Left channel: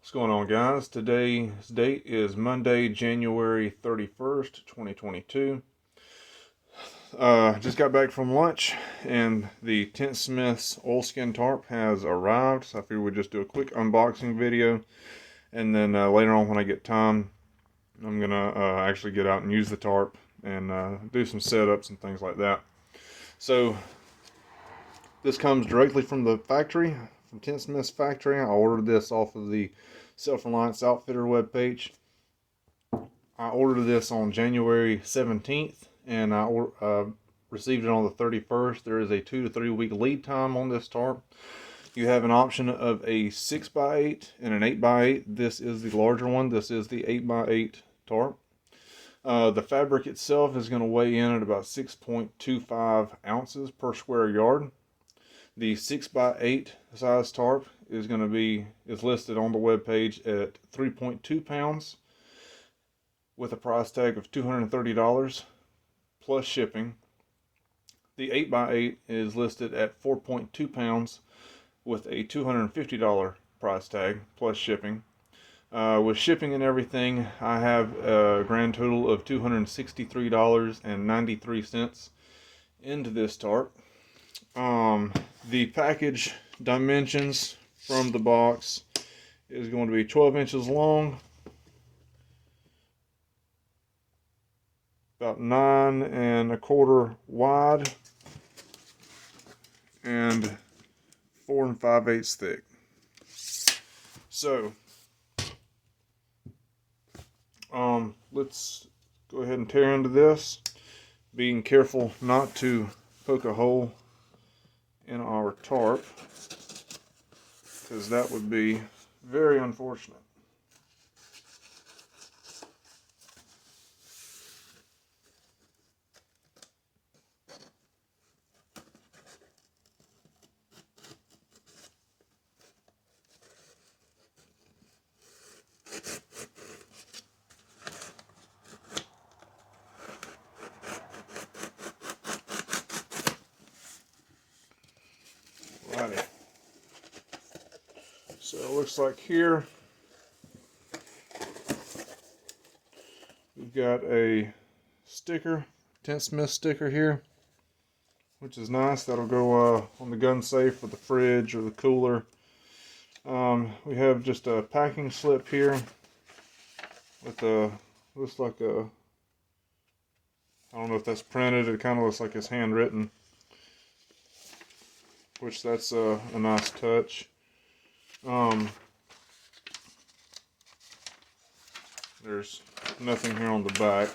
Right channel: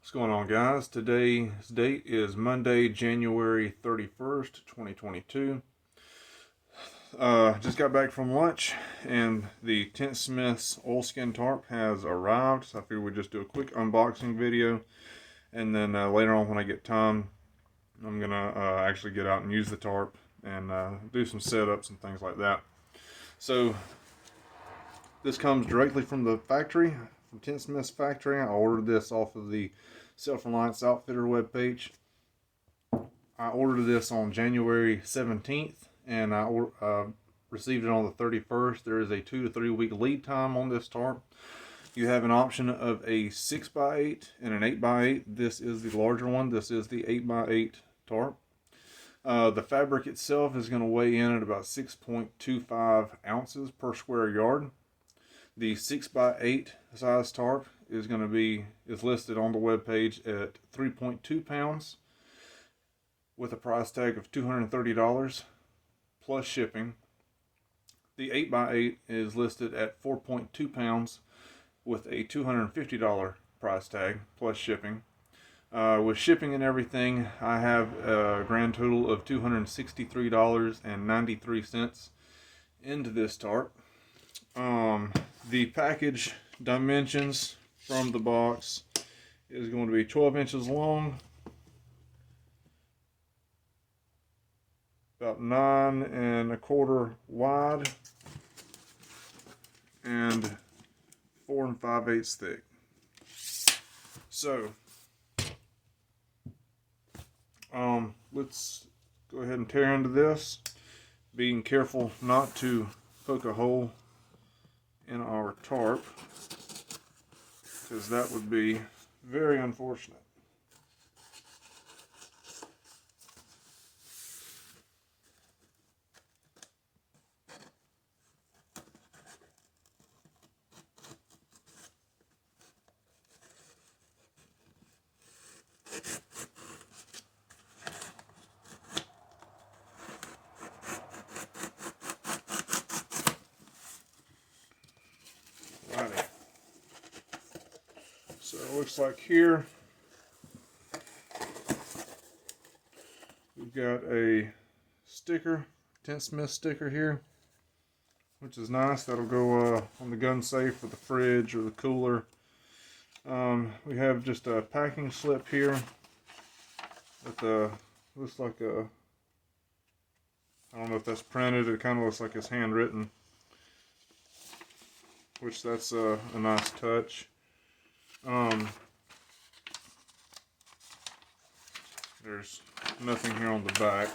What's going on, guys? Today's date is Monday, January 31st, 2022. Just got back from lunch, and the tentsmiths oilskin tarp has arrived. So I figured we'd just do a quick unboxing video, and then later on when I get time, I'm going to actually get out and use the tarp and do some setups and things like that. So this comes directly from the factory, from Tentsmith's factory. I ordered this off of the Self-Reliance Outfitter webpage. I ordered this on January 17th, and I received it on the 31st. There is a 2 to 3 week lead time on this tarp. You have an option of a 6x8 and an 8x8. This is the larger one. This is the 8x8 tarp. The fabric itself is going to weigh in at about 6.25 ounces per square yard. The 6x8 size tarp is listed on the webpage at 3.2 pounds with a price tag of $230 plus shipping. The 8x8 is listed at 4.2 pounds with a $250 price tag plus shipping. With shipping and everything, I have a grand total of $263.93 into this tarp. The package dimensions from the box is going to be 12 inches long, about 9 1/4 wide, and 4 5/8 thick. So let's go ahead and tear into this, being careful not to poke a hole in our tarp, because that would be very unfortunate. Righty. So it looks like here we've got a sticker, Tentsmith sticker here, which is nice. That'll go on the gun safe or the fridge or the cooler. We have just a packing slip here with looks like a, I don't know if that's printed. It kind of looks like it's handwritten, which that's a nice touch. There's nothing here on the back.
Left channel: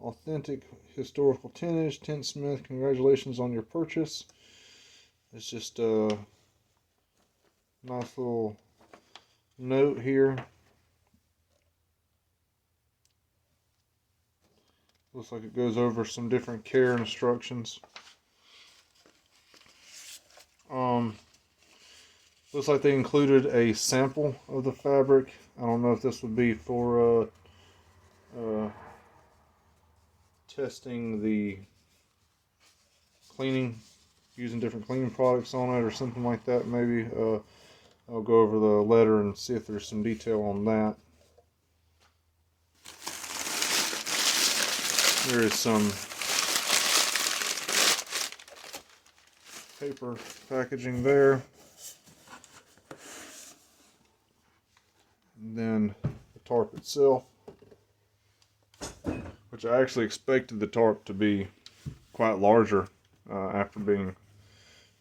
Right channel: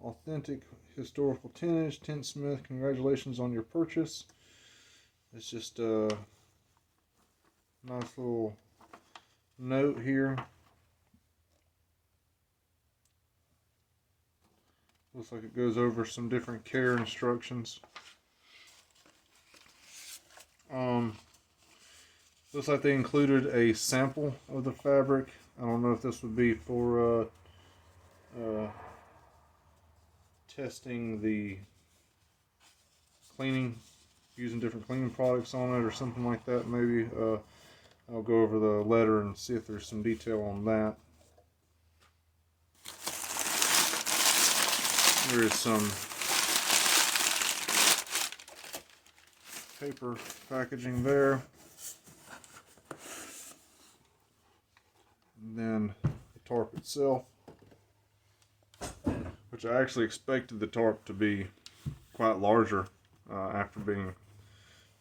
Authentic historical tonnage, Tentsmith, congratulations on your purchase. It's just a nice little note here. Looks like it goes over some different care instructions. Looks like they included a sample of the fabric. I don't know if this would be for testing the cleaning, using different cleaning products on it or something like that. Maybe I'll go over the letter and see if there's some detail on that. There is some paper packaging there. And then the tarp itself, which I actually expected the tarp to be quite larger after being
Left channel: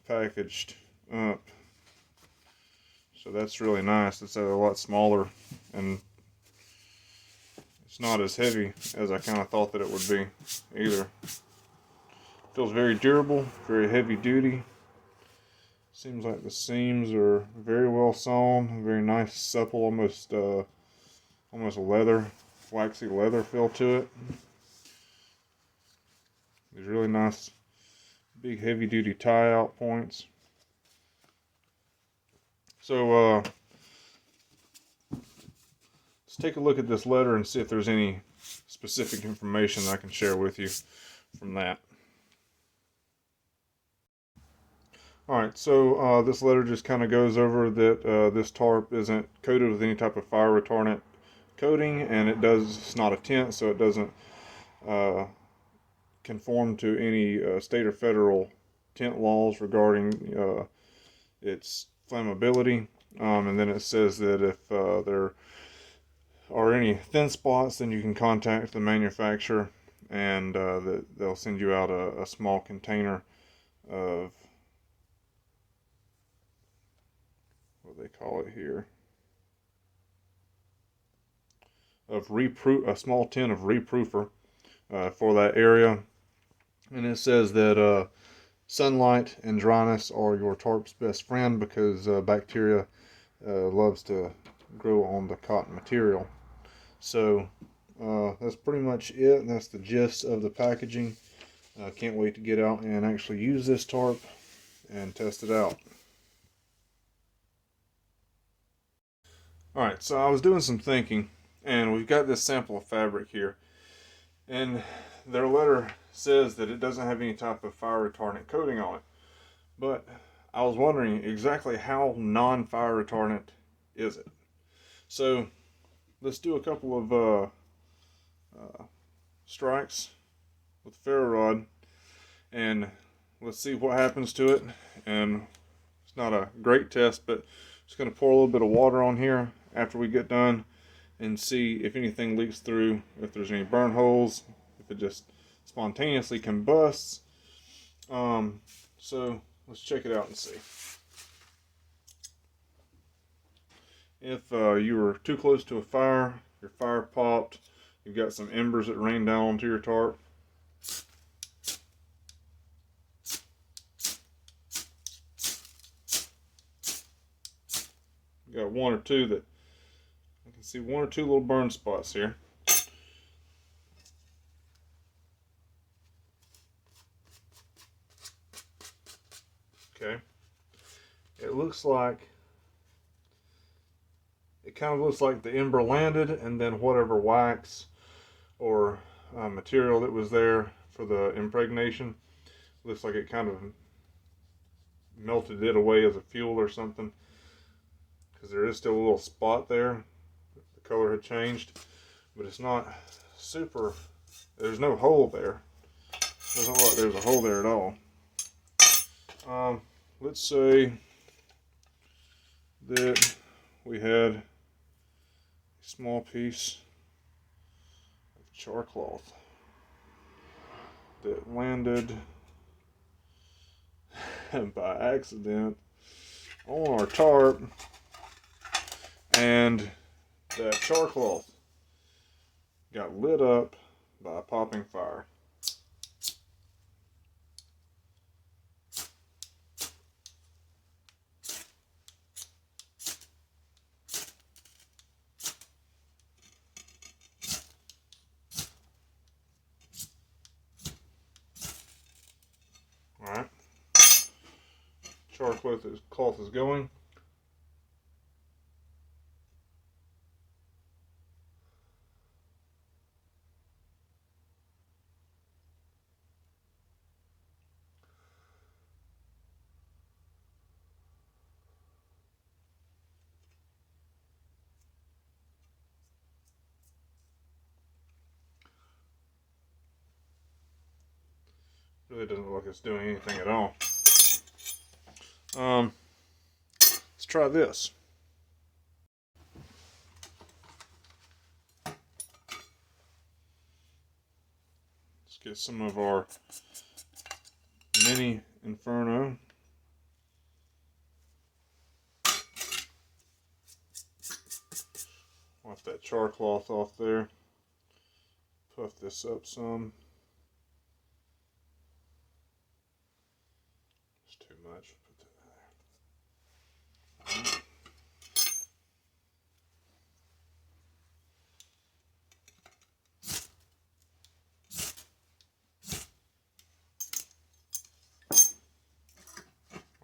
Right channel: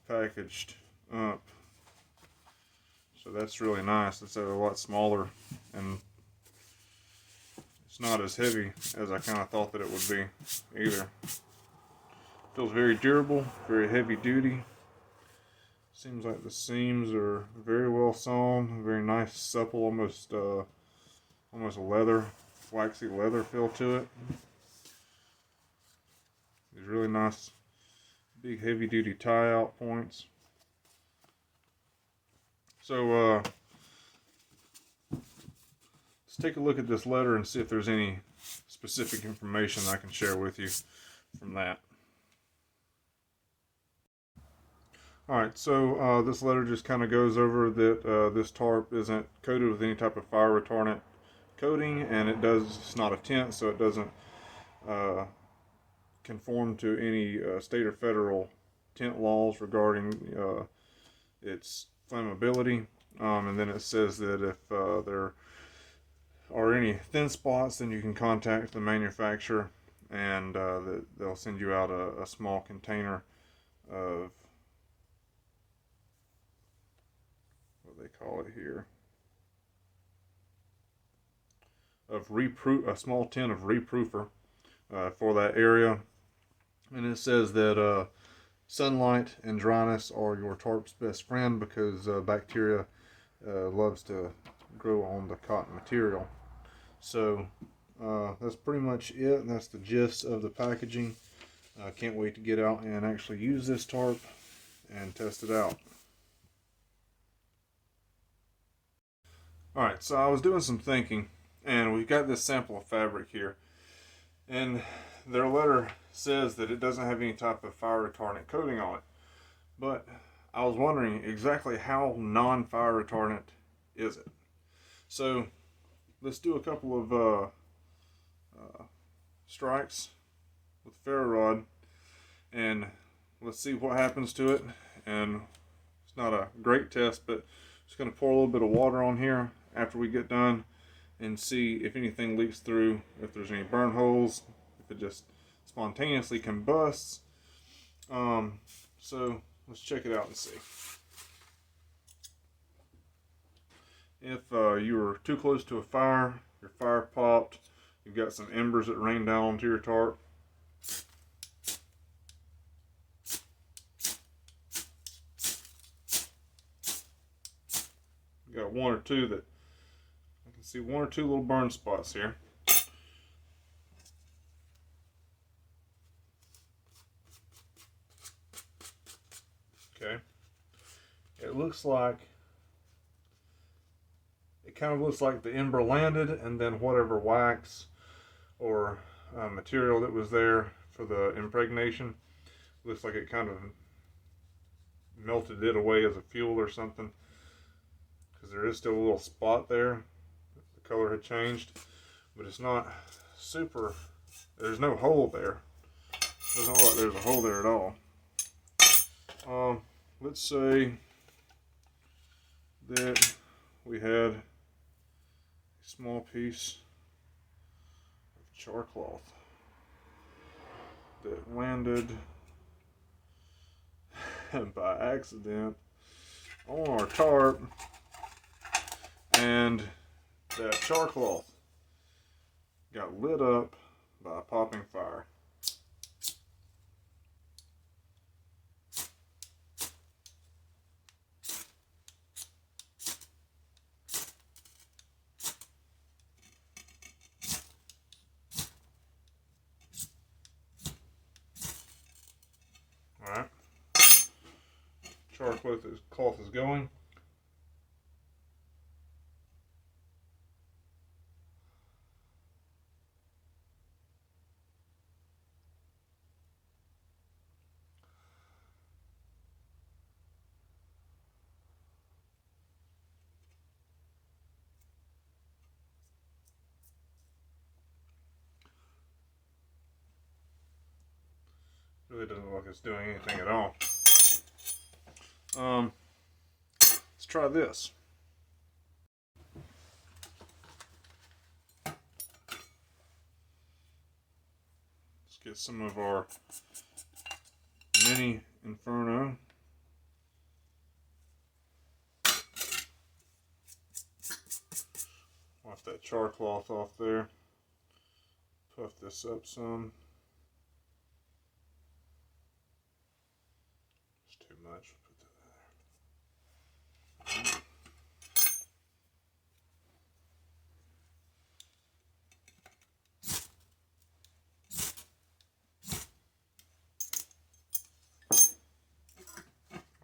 packaged up. So that's really nice. It's a lot smaller, and it's not as heavy as I kind of thought that it would be either. Feels very durable, very heavy duty. Seems like the seams are very well sewn, very nice, supple, almost a leather, waxy leather feel to it. These really nice, big, heavy duty tie out points. So let's take a look at this letter and see if there's any specific information I can share with you. from that. Alright, so this letter just kind of goes over that this tarp isn't coated with any type of fire retardant coating, and it's not a tent, so it doesn't conform to any state or federal tent laws regarding its flammability. And then it says that if there are any thin spots, then you can contact the manufacturer, and they'll send you out a small container of, what do they call it here, of a small tin of reproofer for that area. And it says that sunlight and dryness are your tarp's best friend, because bacteria loves to grow on the cotton material. So that's pretty much it, and that's the gist of the packaging. I can't wait to get out and actually use this tarp and test it out. Alright, so I was doing some thinking, and we've got this sample of fabric here, and their letter says that it doesn't have any type of fire retardant coating on it. But I was wondering exactly how non-fire retardant is it. So let's do a couple of strikes with the ferro rod, and let's see what happens to it. And it's not a great test, but I'm just going to pour a little bit of water on here after we get done and see if anything leaks through, if there's any burn holes, if it just spontaneously combusts. So let's check it out and see. If you were too close to a fire, your fire popped, you've got some embers that rain down onto your tarp. You got one or two that, I can see one or two little burn spots here. Okay. It looks like, it kind of looks like the ember landed, and then whatever wax or material that was there for the impregnation, looks like it kind of melted it away as a fuel or something, because there is still a little spot there. The color had changed, but it's not super, there's no hole there. Doesn't look like there's a hole there at all. Let's say that we had a small piece of char cloth that landed by accident on our tarp, and that char cloth got lit up by a popping fire. Alright, char cloth is going. Really doesn't look like it's doing anything at all. Let's try this. Let's get some of our mini Inferno. Wipe that char cloth off there. Puff this up some. It's too much. Put that there.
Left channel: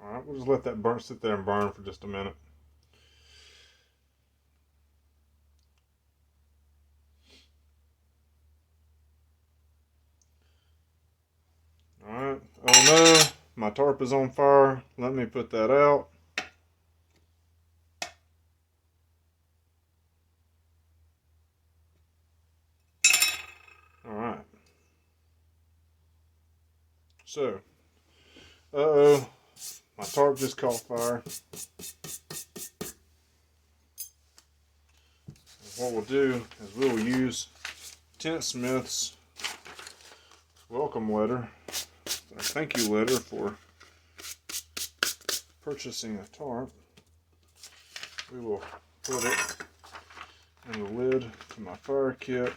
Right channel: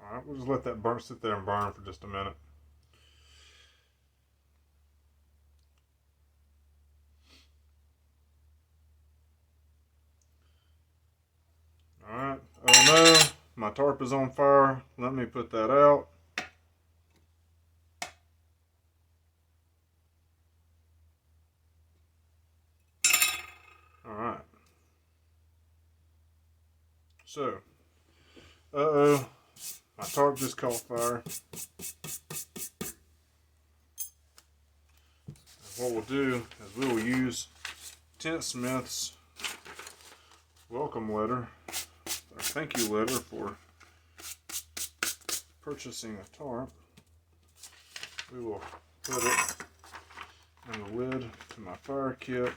Alright, we'll just let that sit there and burn for just a minute. Alright, oh no, my tarp is on fire. Let me put that out. Alright. So, uh-oh, my tarp just caught fire. What we'll do is we'll use Tentsmith's welcome letter, a thank you letter for purchasing a tarp. We will put it in the lid to my fire kit.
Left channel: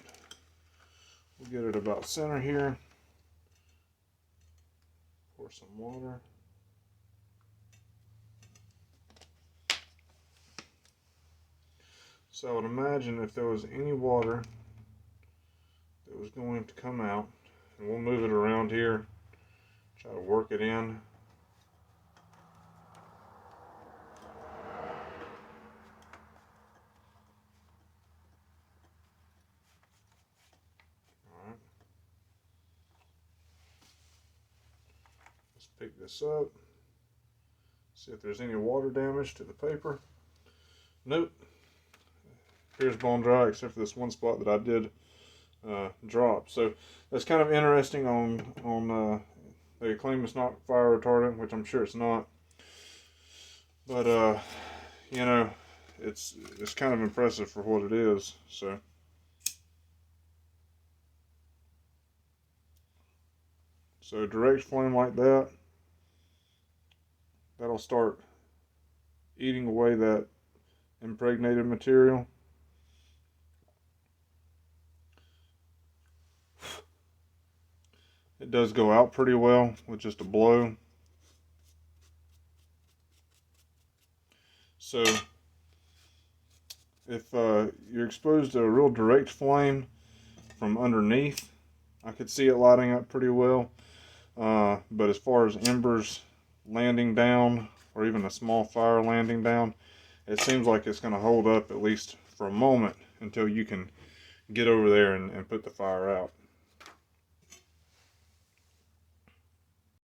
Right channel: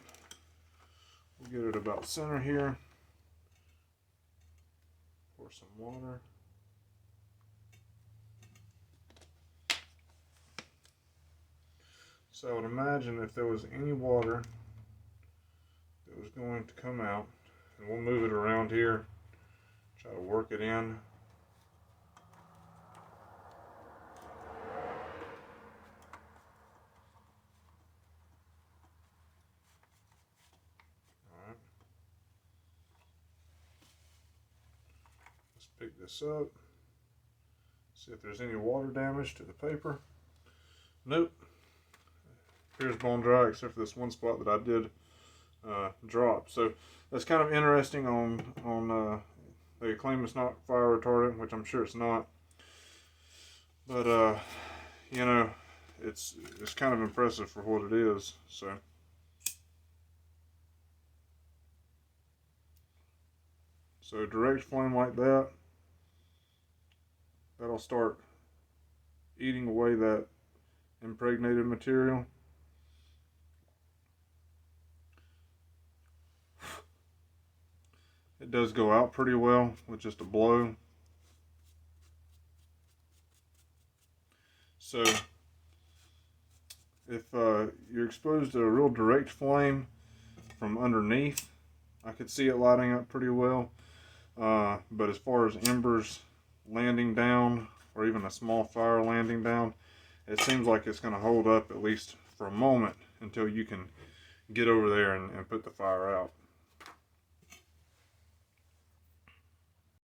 We'll get it about center here. Pour some water. So I would imagine if there was any water that was going to come out, and we'll move it around here, try to work it in. Alright. Let's pick this up. See if there's any water damage to the paper. Nope. Here's bone dry except for this one spot that I did drop. So that's kind of interesting on they claim it's not fire retardant, which I'm sure it's not. But you know, it's kind of impressive for what it is. So direct flame like that, that'll start eating away that impregnated material. It does go out pretty well with just a blow. So if you're exposed to a real direct flame from underneath, I could see it lighting up pretty well. But as far as embers landing down, or even a small fire landing down, it seems like it's going to hold up at least for a moment until you can get over there and put the fire out.